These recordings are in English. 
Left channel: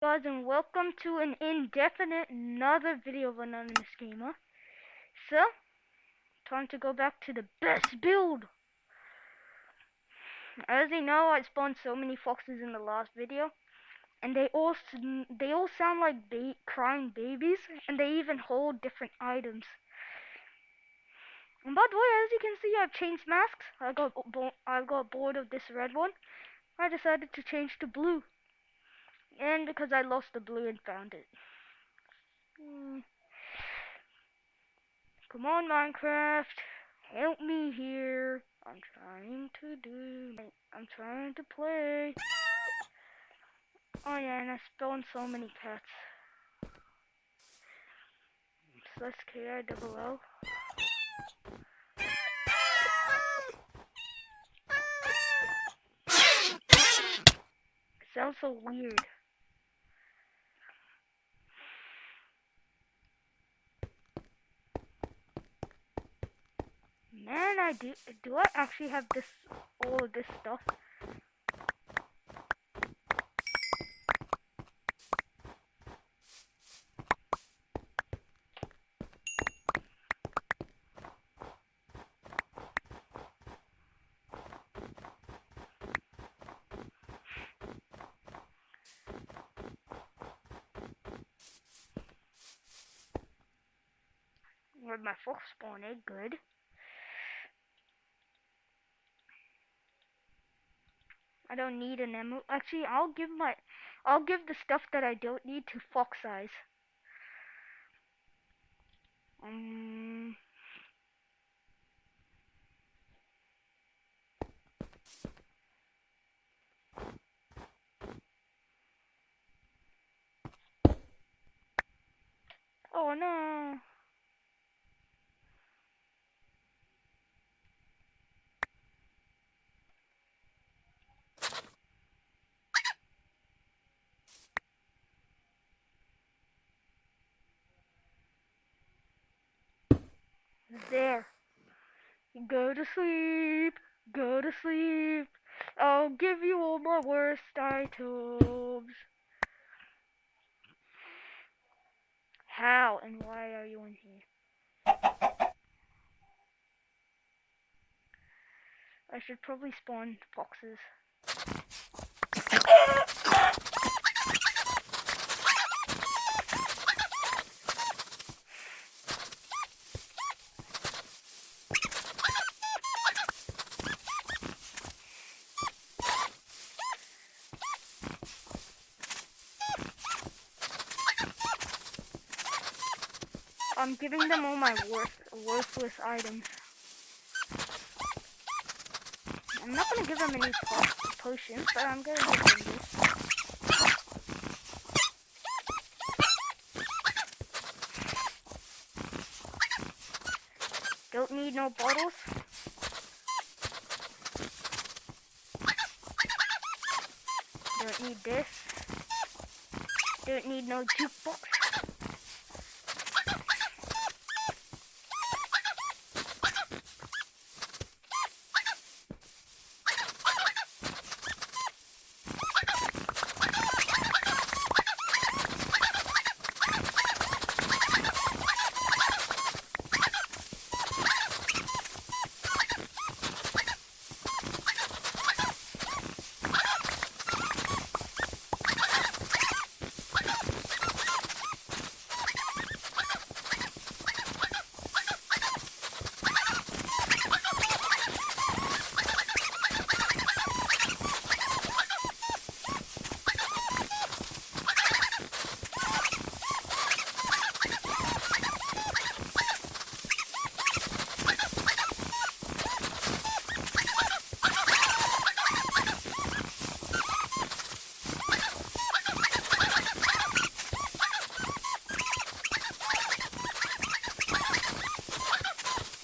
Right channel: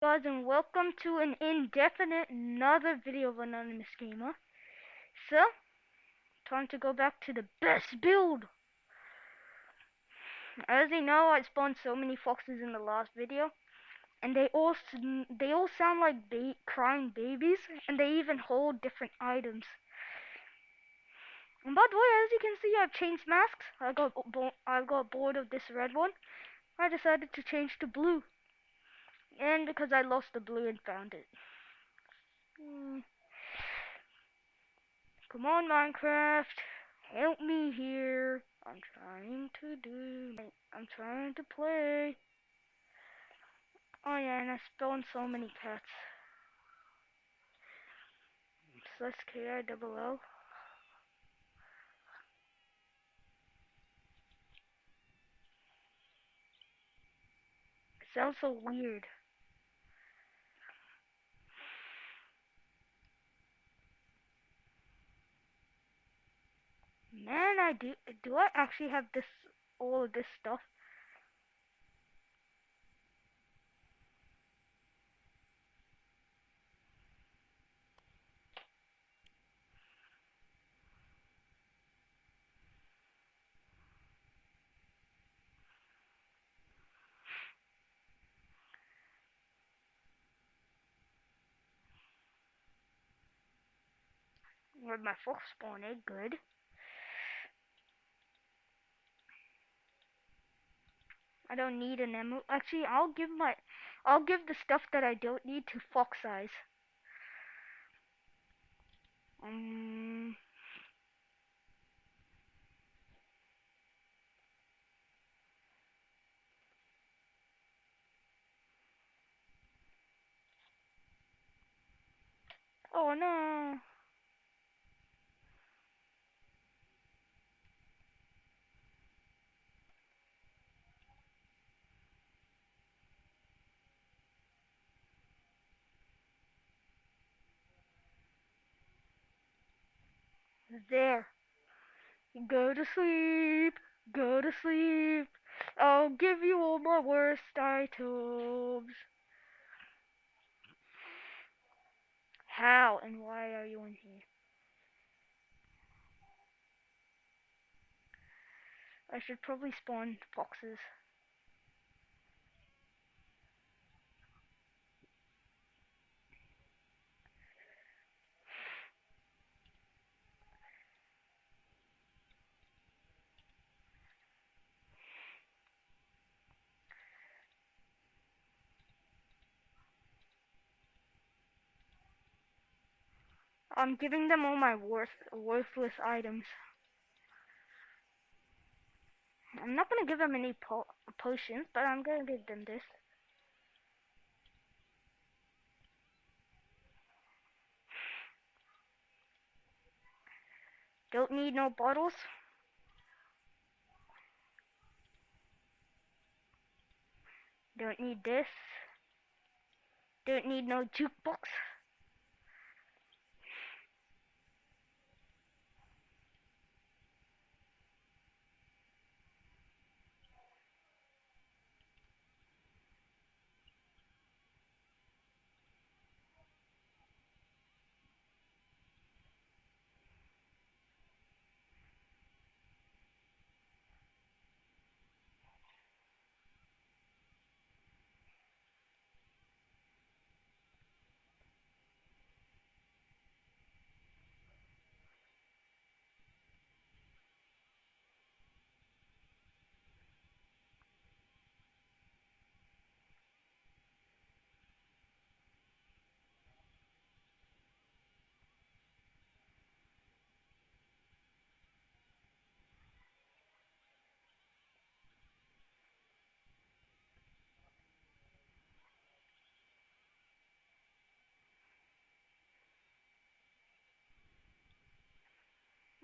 Guys, and welcome to an indefinite another video of Anonymous Gamer. So, time to go back to the best build. As you know, I spawned so many foxes in the last video, and they all sound like crying babies, and they even hold different items. And by the way, as you can see, I've changed masks. I got bored of this red one. I decided to change to blue, and because I lost the blue and found it. Hmm. Come on, Minecraft. Help me here. I'm trying to play. Oh yeah, and I spawned so many pets. Slash KILL. It sounds so weird. Man, do I actually have all of this stuff? Where'd my fox spawn egg? Good. I don't need an emerald. Actually, I'll give the stuff that I don't need to fox eyes. Um. Oh no. There. Go to sleep. Go to sleep. I'll give you all my worst items. How and why are you in here? I should probably spawn foxes. I'm giving them all my worthless items. I'm not gonna give them any potions, but I'm gonna give them this. Don't need no bottles. Don't need this. Don't need no jukebox.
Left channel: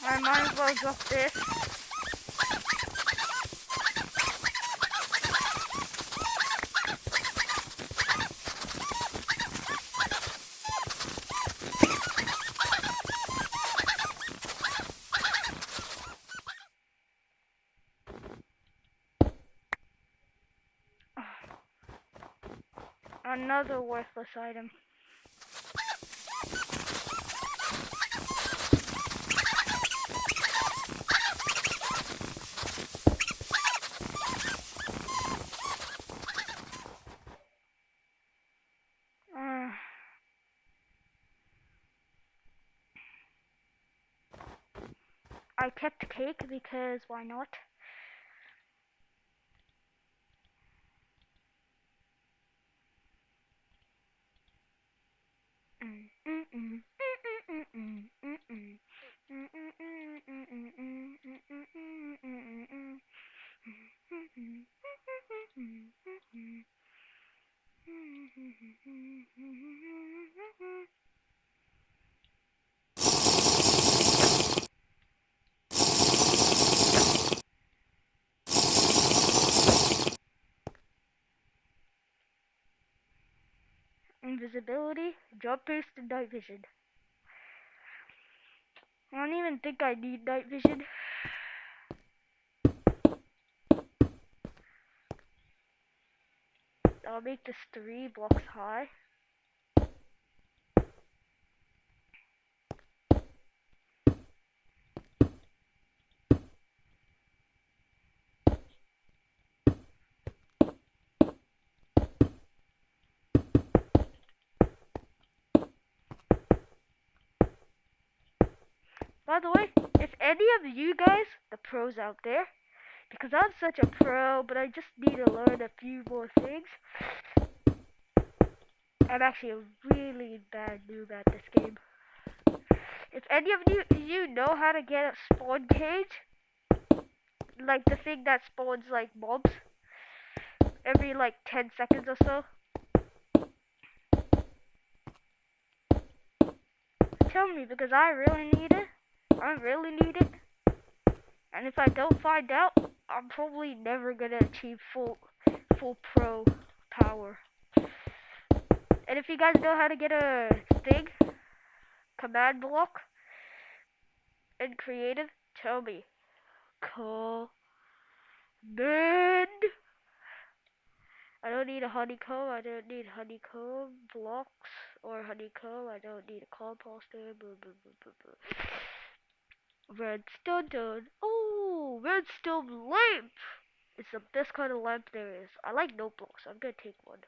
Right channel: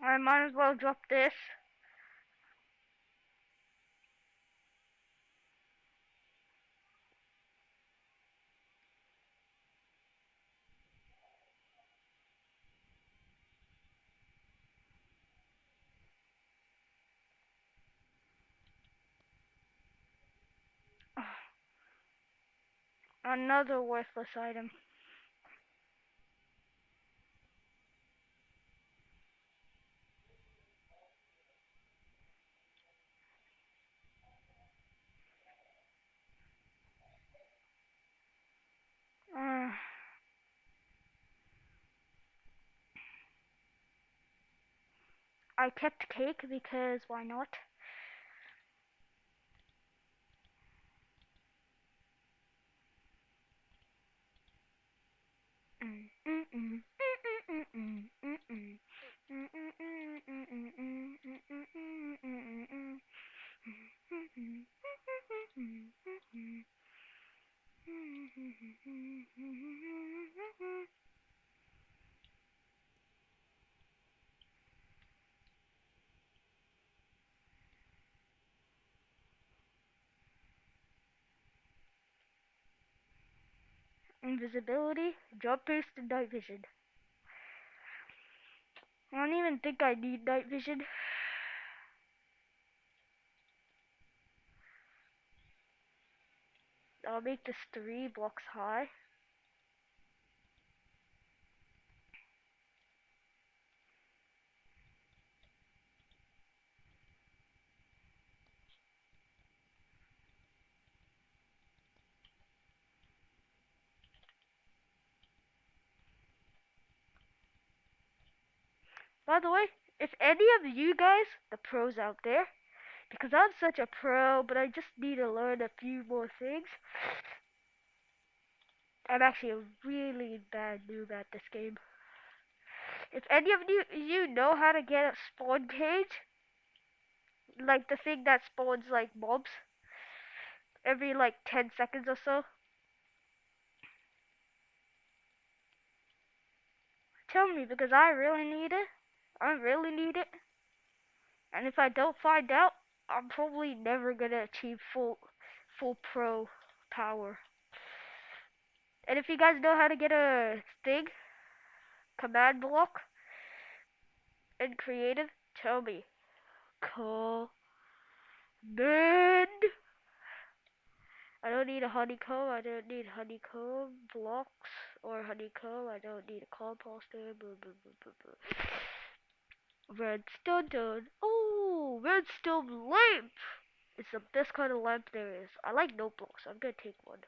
I might as well drop this. Another worthless item. Uh, I kept cake because why not? Invisibility, jump boost, and night vision. I don't even think I need night vision. I'll make this 3 blocks high. By the way, if any of you guys, the pros out there, because I'm such a pro, but I just need to learn a few more things. I'm actually a really bad noob at this game. If any of you know how to get a spawn cage, like the thing that spawns like mobs every like 10 seconds or so, tell me because I really need it. I really need it. And if I don't find out, I'm probably never gonna achieve full pro power. And if you guys know how to get a thing, command block, in creative, tell me. Command. I don't need a honeycomb. I don't need honeycomb blocks or honeycomb. I don't need a composter. Blah, blah, blah, blah, blah. Redstone done. Oh, redstone lamp. It's the best kind of lamp there is. I like noteblocks. I'm gonna take one.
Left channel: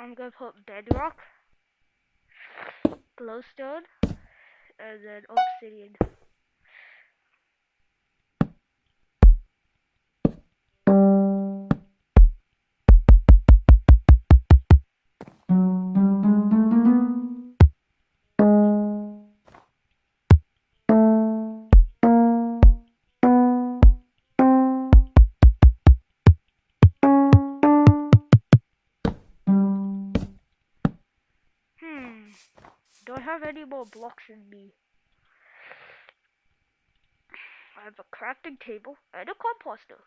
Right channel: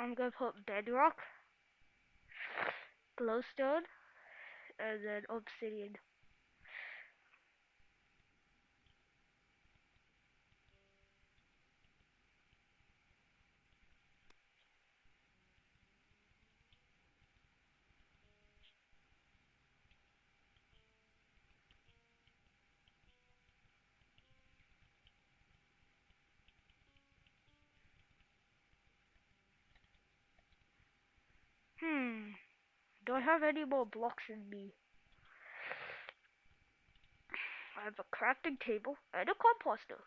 I'm gonna put bedrock, glowstone, and then obsidian. Do I have any more blocks in me? I have a crafting table and a composter.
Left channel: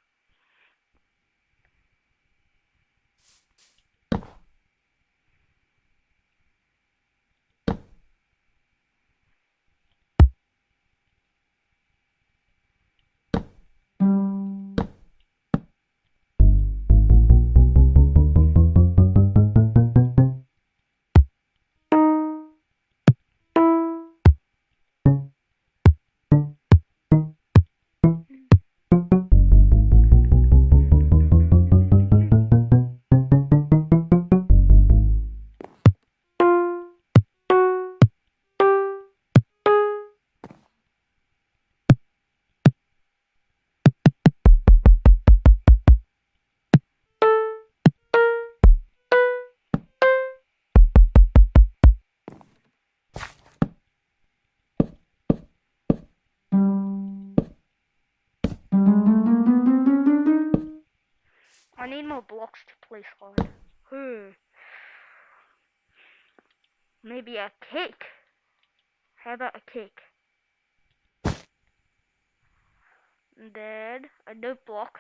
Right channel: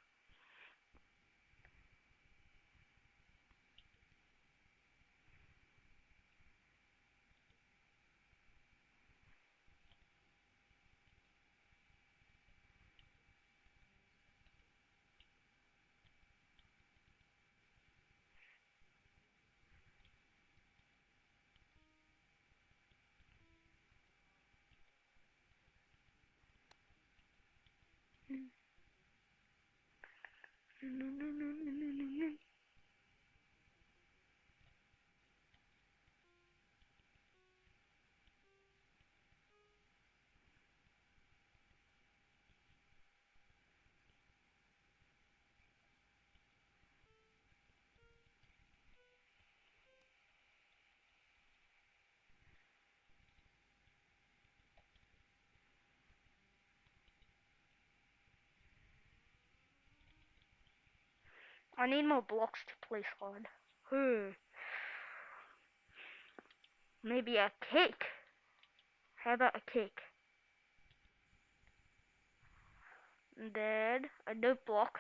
I need more blocks to place on. Maybe a cake. How about a cake? And then a note block.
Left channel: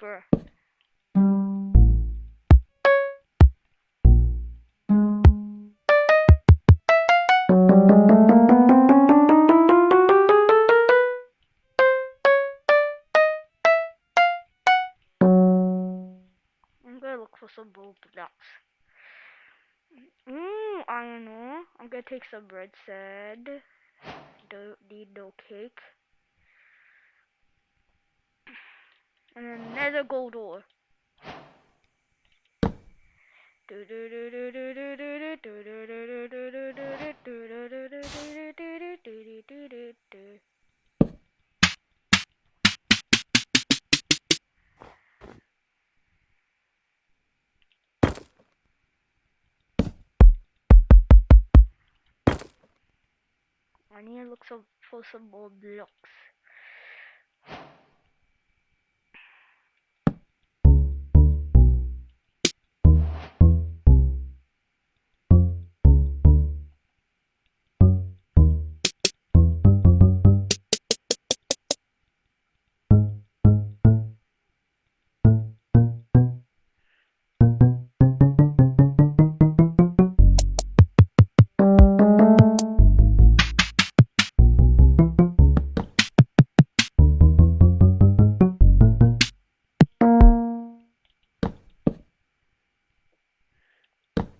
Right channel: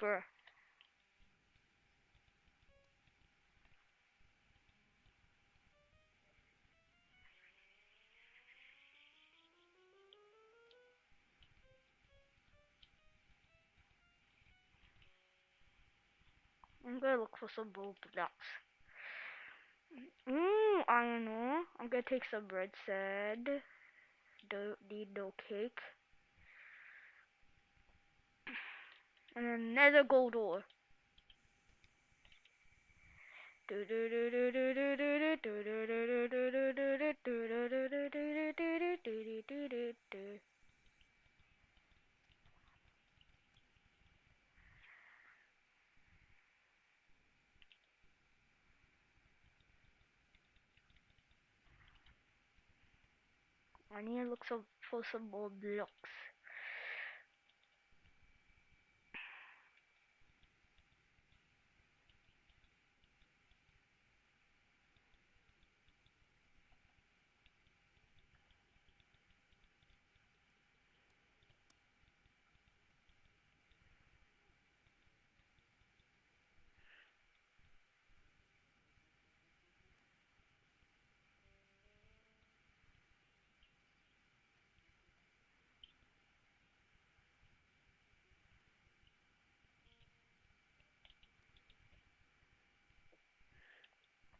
Bruh. I'm gonna look for some blue blocks. I know. I'm gonna take some red sand. Don't need no cake. And another gold ore. I need to look for some more blocks.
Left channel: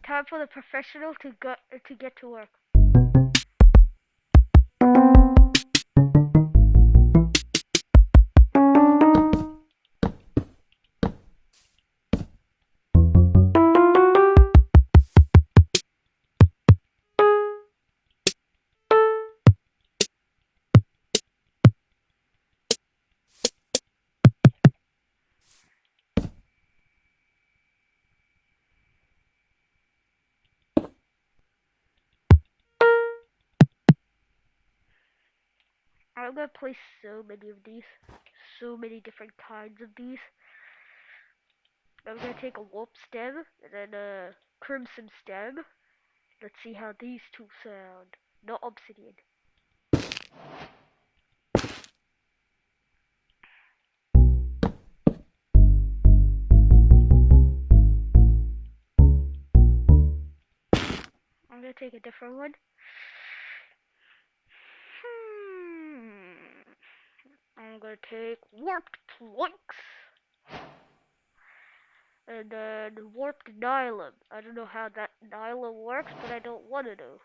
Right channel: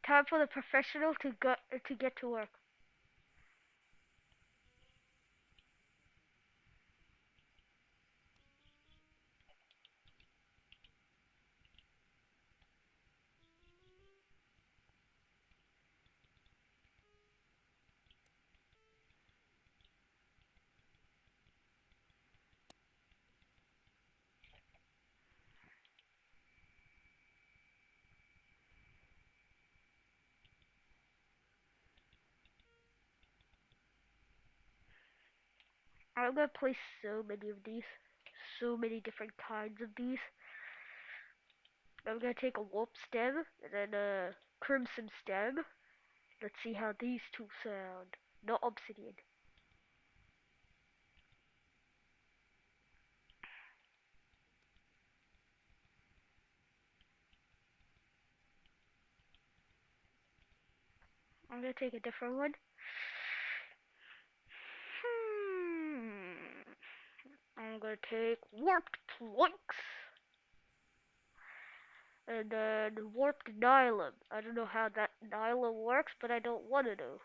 Time for the professional to get to work. I'm gonna place so many of these. So many different kinds of these. I'm gonna take a warp stem and then a crimson stem. Let's see how these two sound. Not obsidian. I'm gonna take a different one. I'm gonna take warped planks. And then warped nylon. I don't know how that nylon works, but I don't want to know.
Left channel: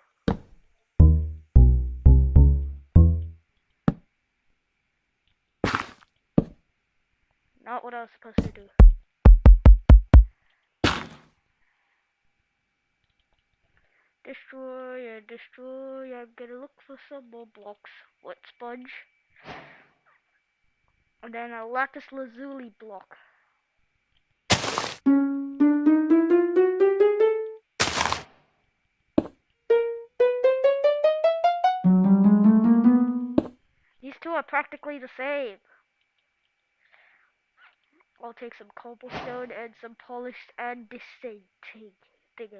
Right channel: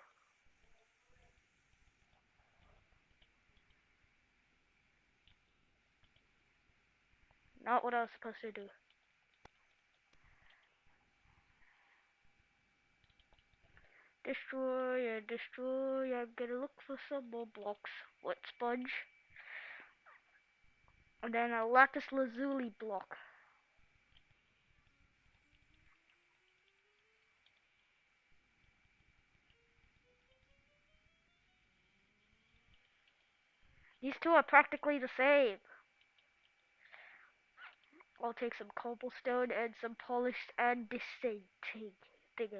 Not what I was supposed to do. Destroy and destroy. I'm gonna look for some more blocks. Wet sponge. And then a lapis lazuli block. These two are practically the same. I'll take some cobblestone and some polished andesite thing.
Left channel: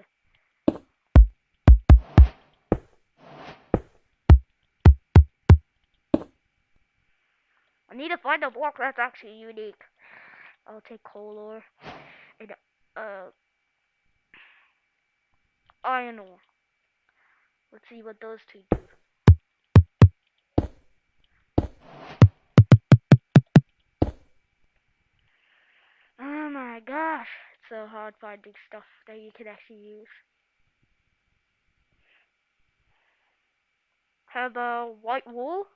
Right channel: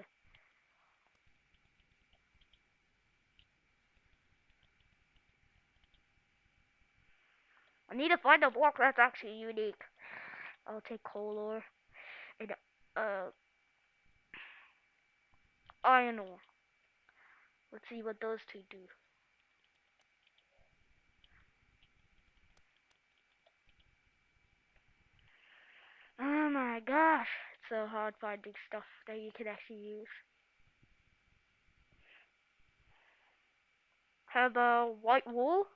I need to find a block that's actually unique. I'll take coal ore and iron ore. Let's see what those two do. Oh my gosh, it's so hard finding stuff that you can actually use. Have a white wool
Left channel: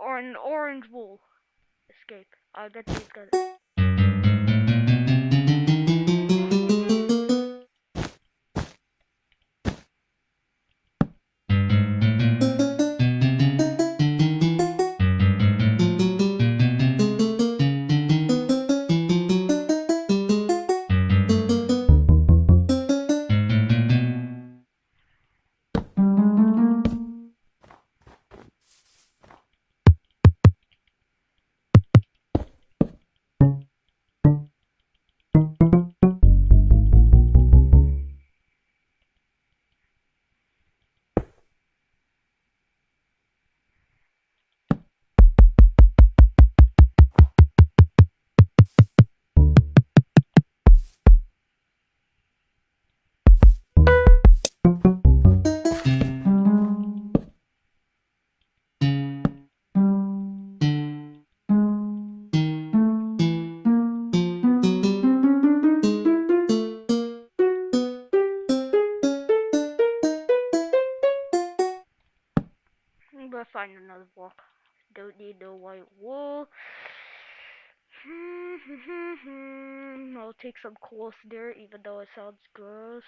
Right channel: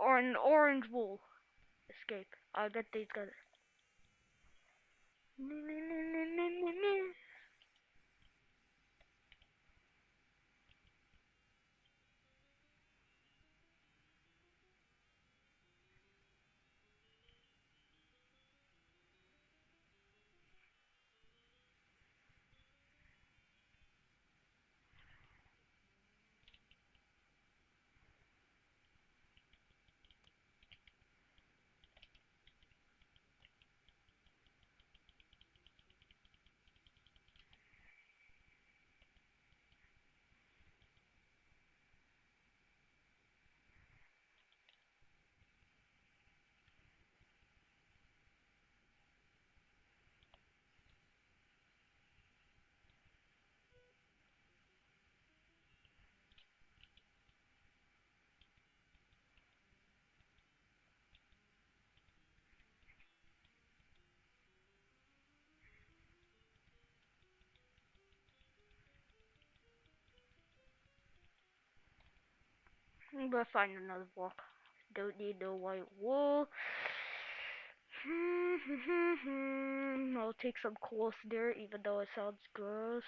or an orange wool. Escape. I bet these guys. gonna find another block. Don't need no white wool. I'll take some coarse dirt, even though it sounds gross.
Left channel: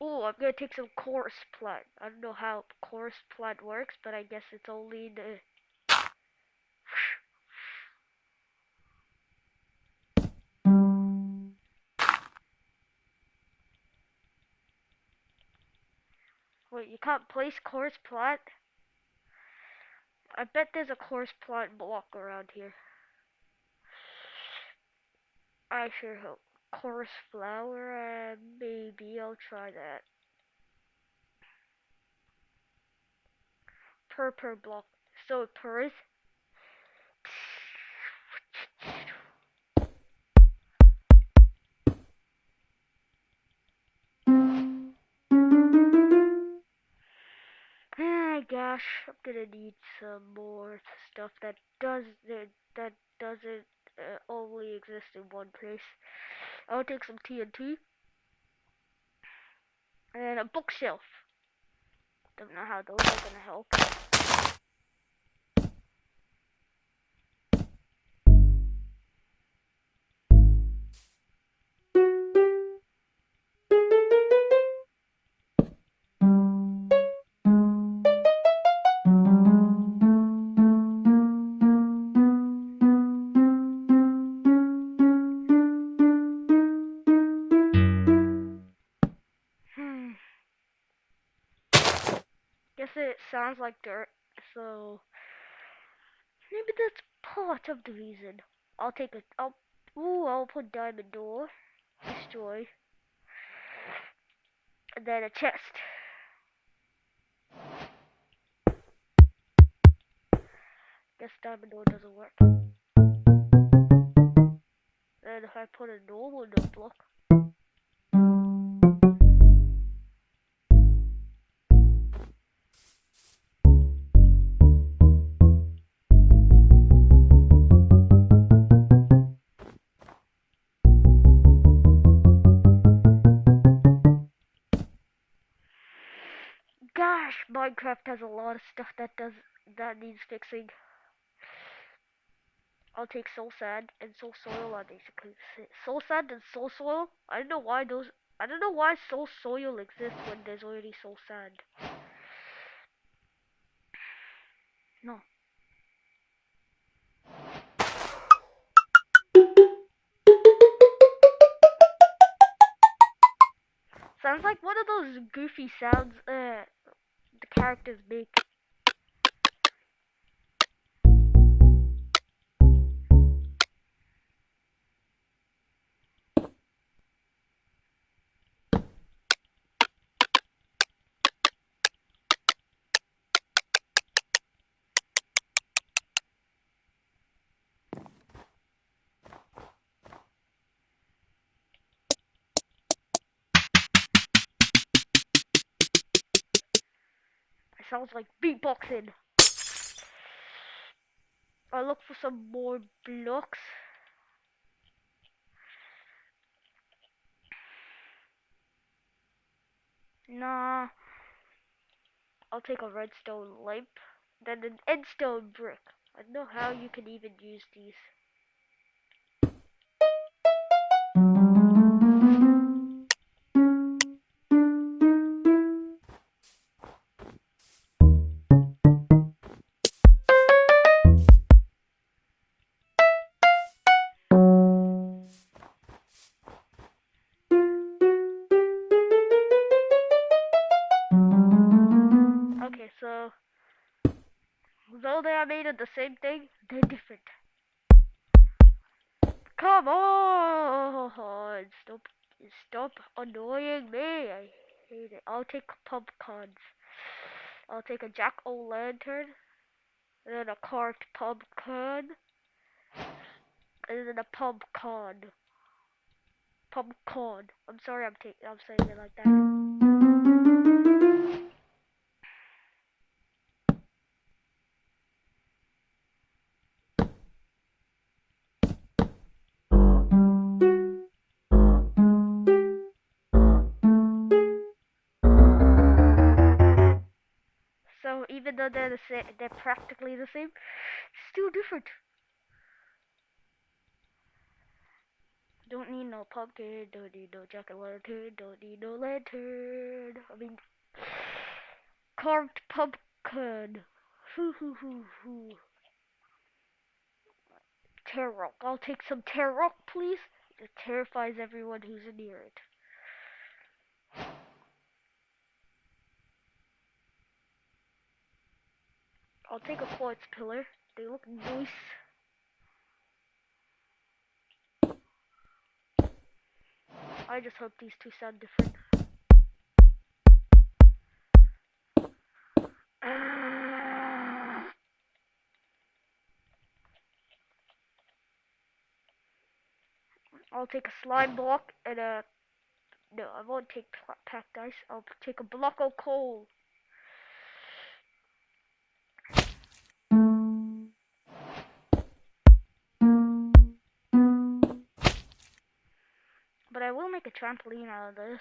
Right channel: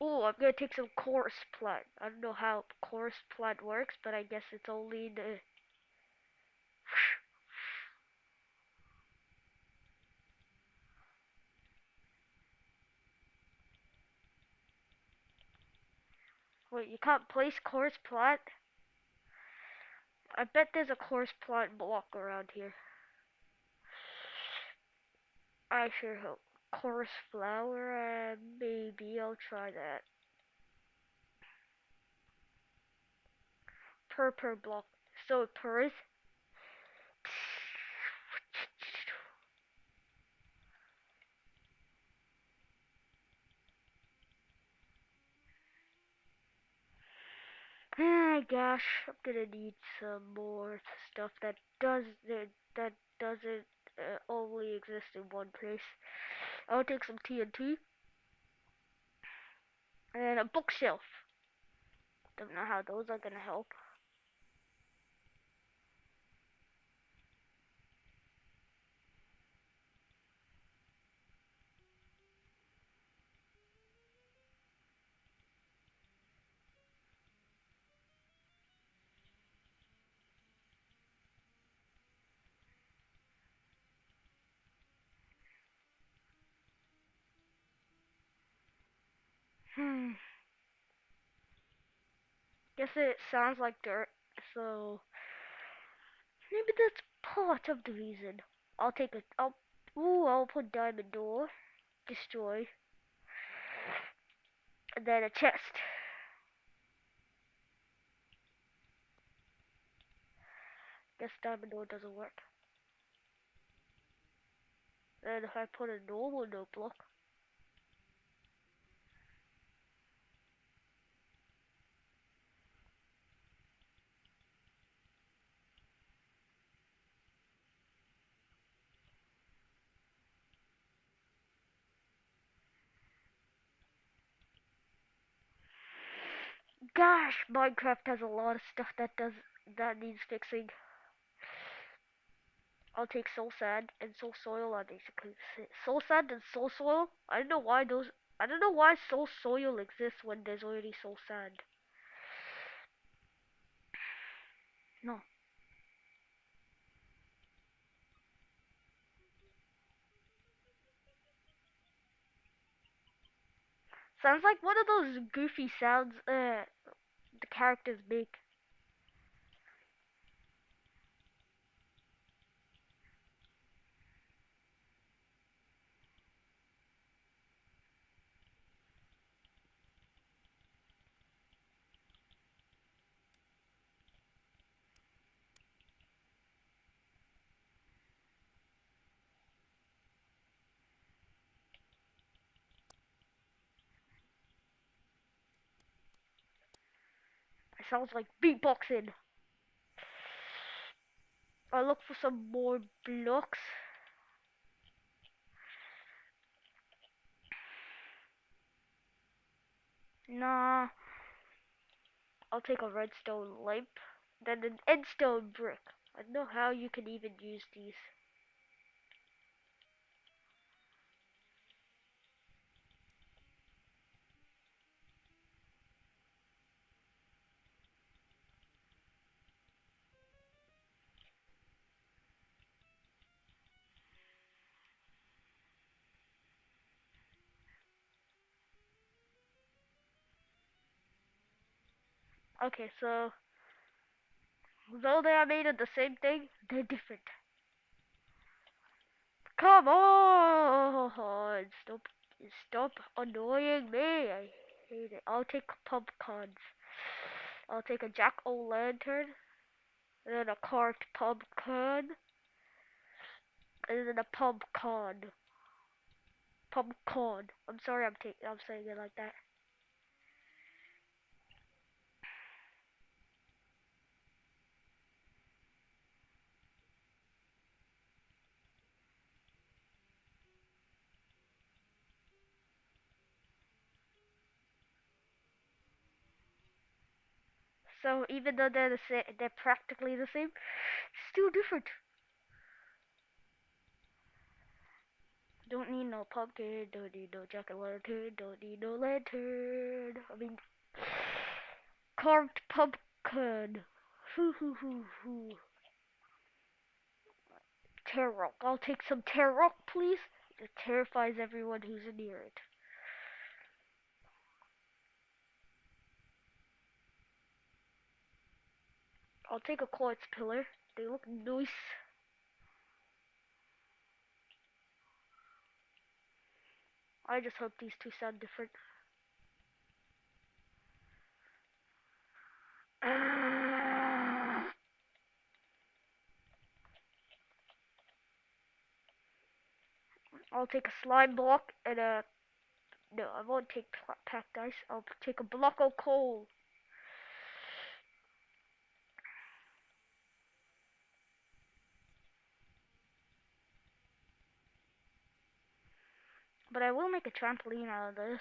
Oh, I'm gonna take some coarse plant. I don't know how coarse plant works, but I guess it's only the. Wait, you can't place coarse plant? I bet there's a coarse plant block around here. I sure hope. Coarse flower, maybe I'll try that. Per block. So per is. Ah, gosh, I'm gonna need some more stuff that doesn't only exist in one place. I'll take some TNT and a bookshelf. Don't know how those are gonna help. Hmm. Guess it sounds like dirt, so maybe that's part of the reason. I'll take a. I'll put diamond door, destroy, and then a chest. Guess diamond door doesn't work. And if I put a normal note block. Gosh, Minecraft has a lot of stuff that needs fixing. I'll take soul sand and soul soil are basically soul sand and soul soil. I don't know why those. I don't know why soul soil exists when there's already soul sand. No. Sounds like one of those goofy sounds the characters make. It sounds like beatboxing. I'll look for some more blocks. Nah. I'll take a redstone lamp. Then an endstone brick. I don't know how you can even use these. Okay, so though they are made of the same thing, they're different. Come on! Stop annoying me. I hate it. I'll take pumpkins. I'll take a jack-o'-lantern, and then a carved pumpkin, and then a pumpkin. Pumpkin. I'm sorry, I'm saying it like that. even though they're the same, they're practically the same, still different. Don't need no pumpkin, don't need no jack-o'-lantern, don't need no lantern. I mean, carved pumpkin. Hoo hoo hoo hoo. Tarot. I'll take some tarot, please. It terrifies everyone who's near it. I'll take a quartz pillar. They look nice. I just hope these two sound different. I'll take a slime block and a... No, I won't take packed ice. I'll take a block of coal. But I will make a trampoline out of this.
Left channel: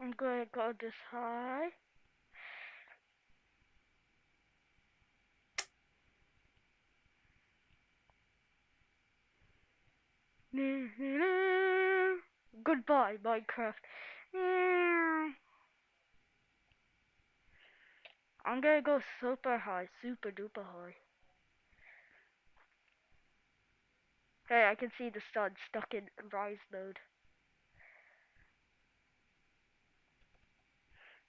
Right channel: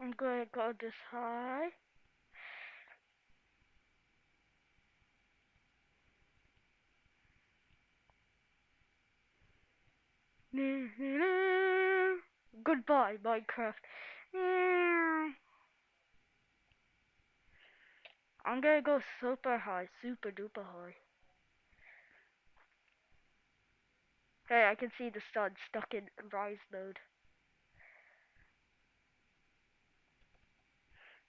I'm gonna go this high. Goodbye, Minecraft. I'm gonna go super high, super duper high. Hey, I can see the sun stuck in rise mode.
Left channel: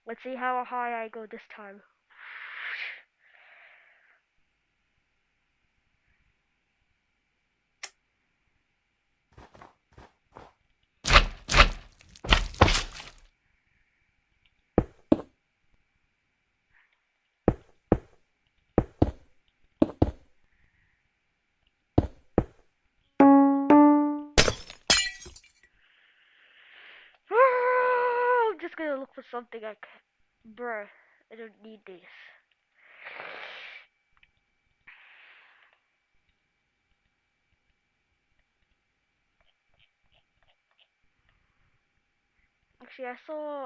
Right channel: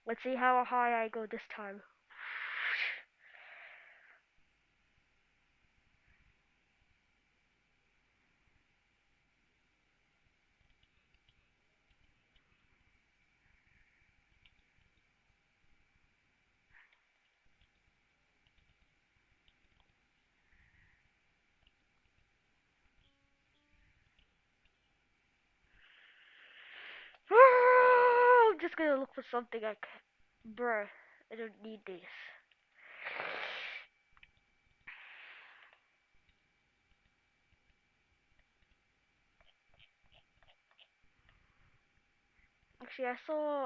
Let's see how high I go this time. I'm just gonna look for something I can. Bruh, I don't need this. Actually,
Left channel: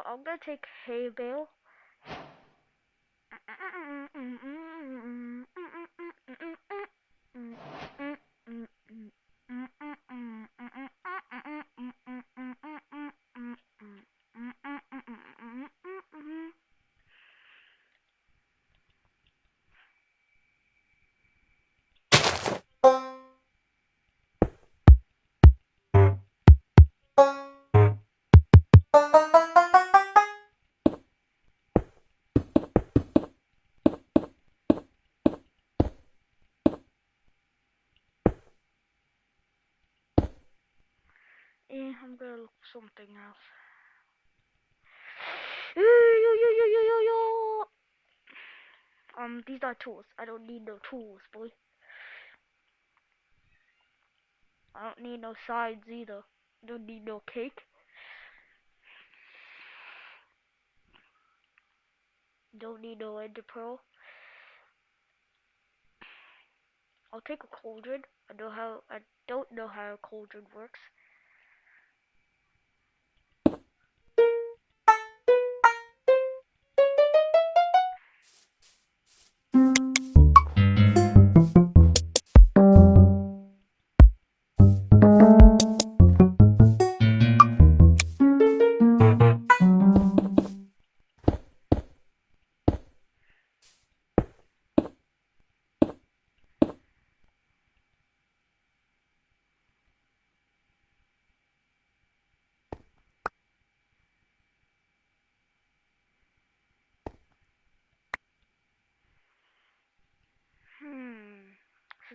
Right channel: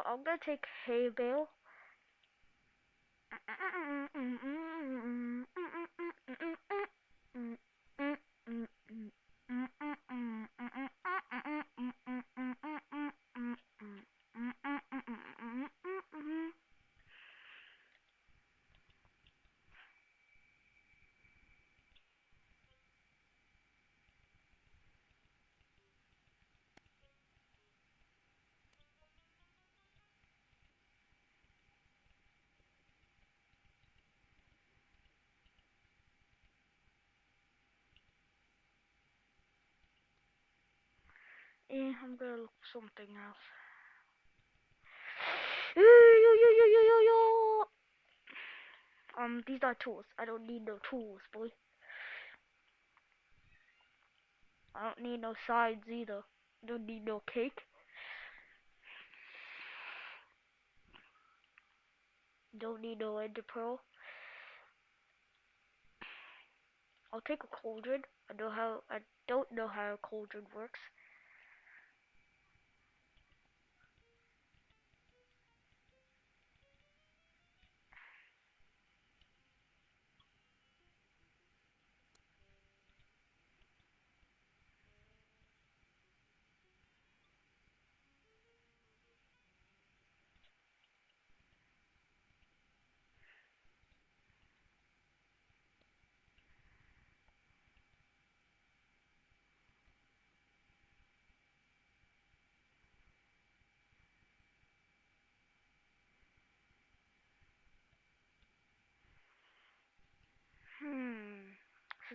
I'm gonna take hay bale. I'm gonna look for something else. These are tools. I don't need no tools, boy. I don't need no sides either. Don't need no cake. Don't need no ender pearl. I'll take a cauldron. I don't know how a cauldron works.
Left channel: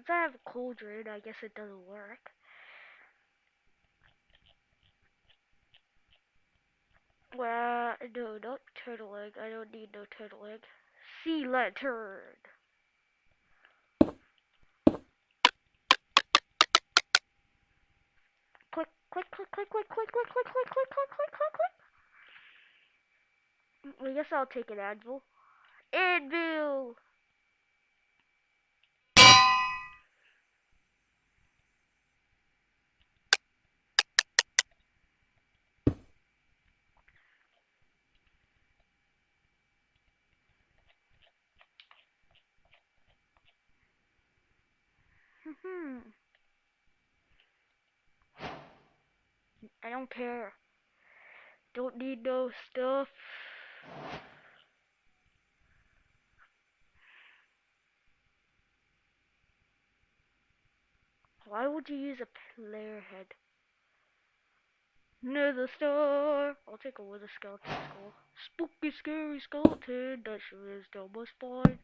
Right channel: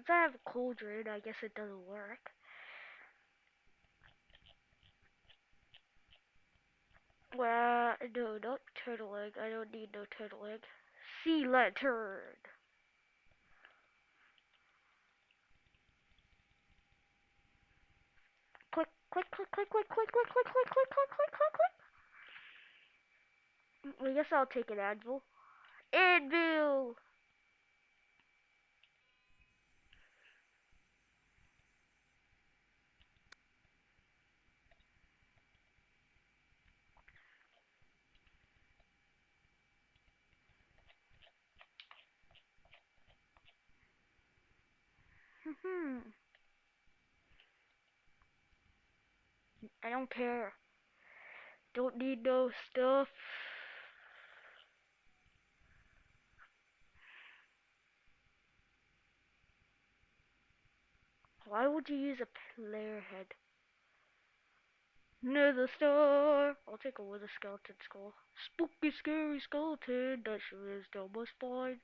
Since I have a cauldron, I guess it doesn't work. Well, no, not turtle egg. I don't need no turtle egg. Sea lantern. Click, click, click, click, click, click, click, click, click, click, click, click, click, click. I guess I'll take an anvil. Anvil! I don't care. Don't need no stuff. Why would you use a player head? Nether star. I'll take a wither skeleton skull. Spooky, scary skeleton that sure is down my spine.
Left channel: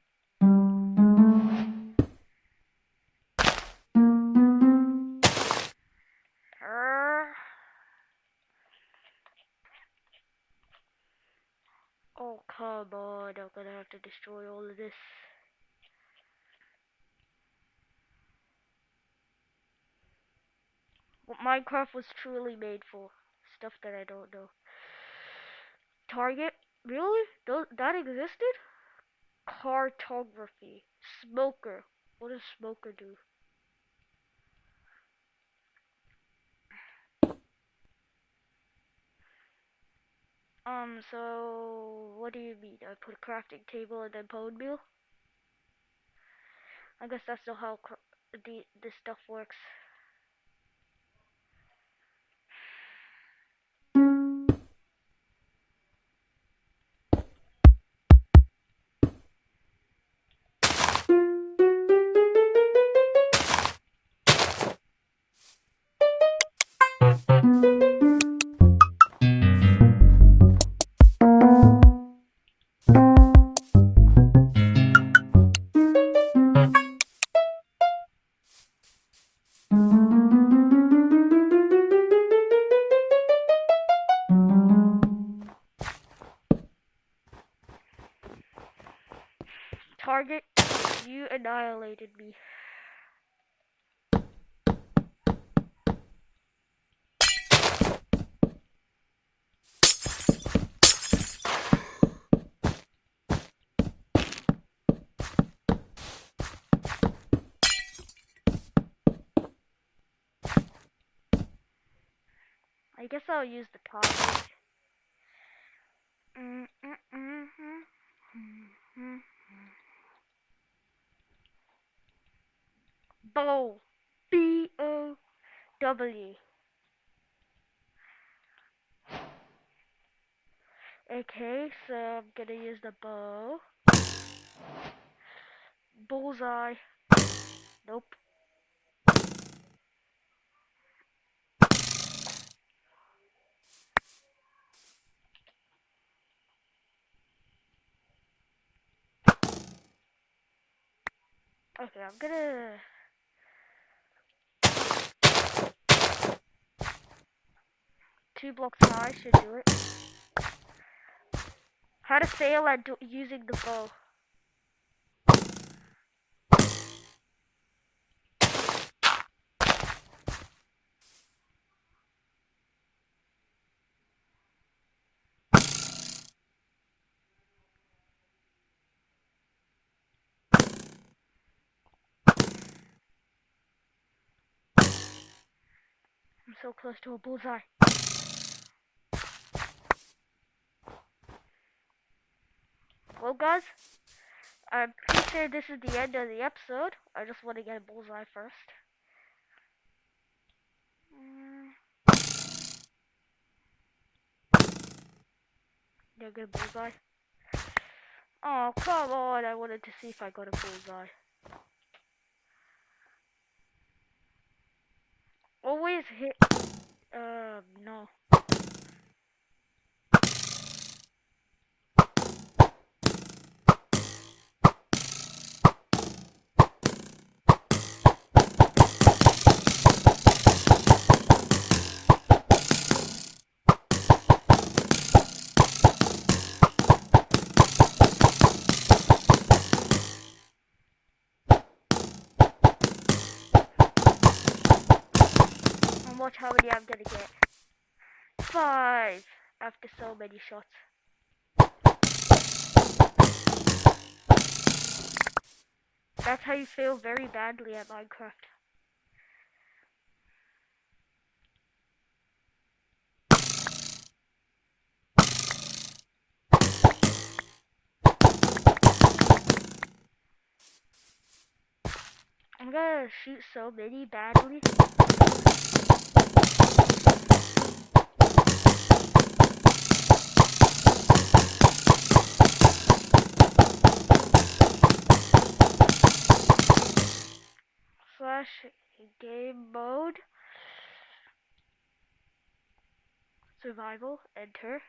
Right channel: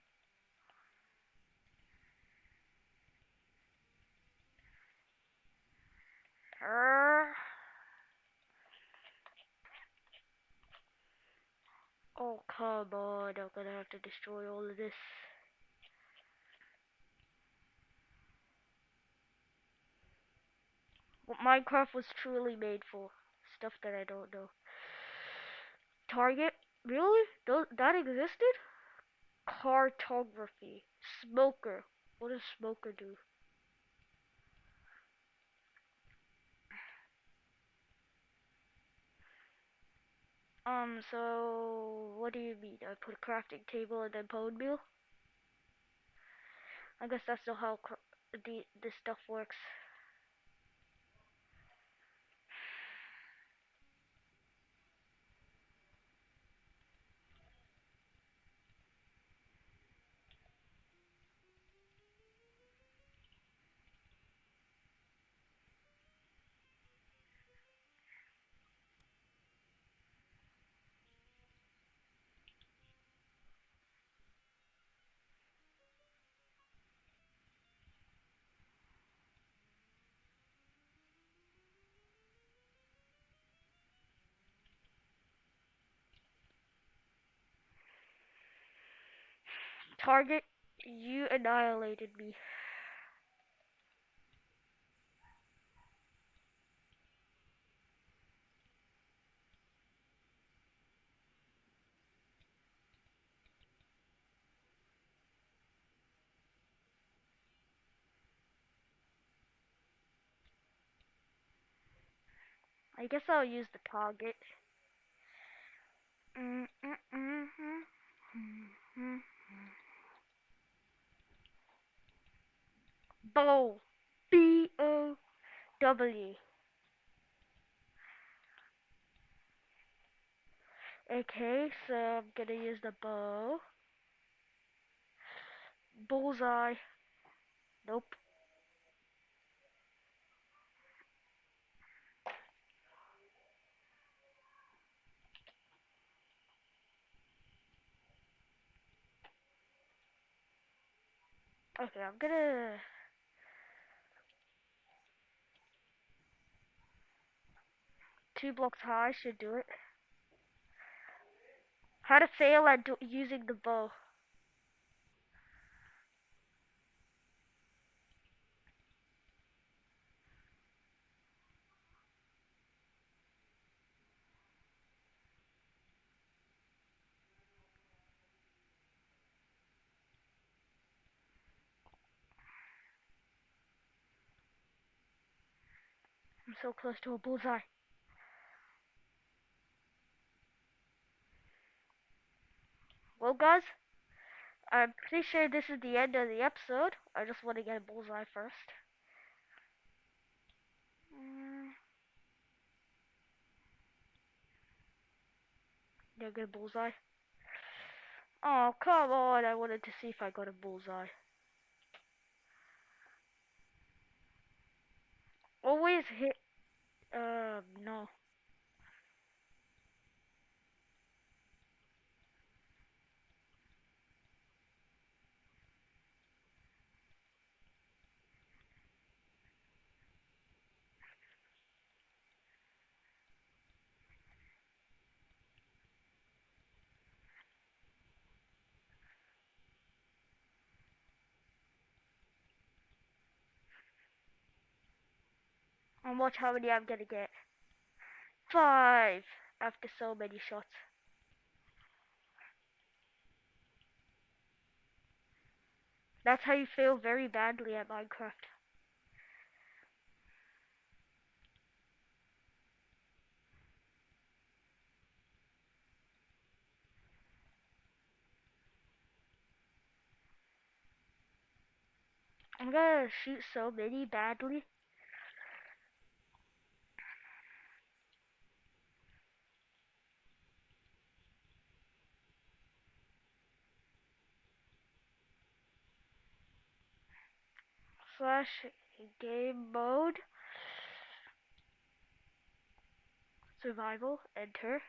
Oh, come on. I'm gonna have to destroy all of this. What Minecraft was truly made for. Stuff that I don't know. Target? Really? That existed? Cartography. Smoker. What does smoker do? So what do you mean? I put a crafting table and then bone meal? I guess that's not how this stuff works. Target, you annihilated me. I guess I'll use the target. Bow. B-O-W. Okay, so I'm gonna use the bow. Bullseye. Nope. Okay, I'm gonna... 2 blocks high should do it. How to fail at using the bow. I'm so close to a bullseye. Well, guys, I'm pretty sure this is the end of the episode. I just want to get a bullseye first. Did I get a bullseye? Oh, come on. I wanted to see if I got a bullseye. Always hit. No. how many I'm gonna get. 5 after so many shots. That's how you fail very badly at Minecraft. I'm gonna shoot so many badly. Slash game mode. Survival. Enter.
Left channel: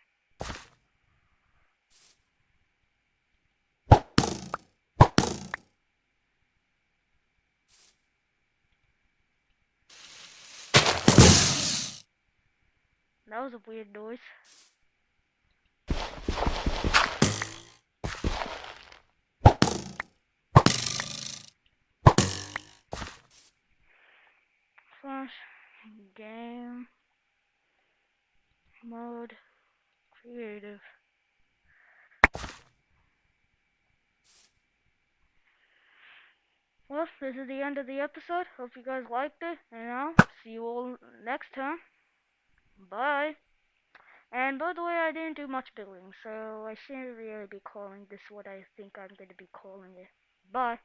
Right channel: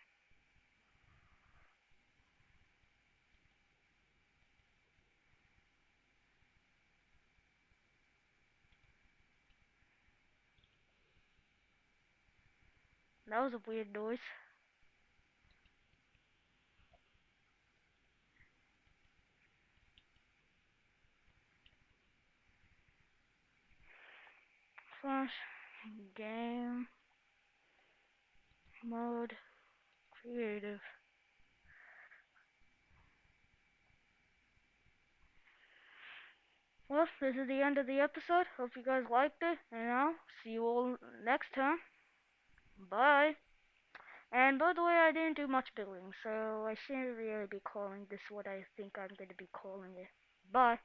That was a weird noise. Slash game mode creative. Well, this is the end of the episode. Hope you guys liked it, and I'll see you all next time. Bye. And by the way, I didn't do much building, so I shouldn't really be calling this what I think I'm going to be calling it. Bye.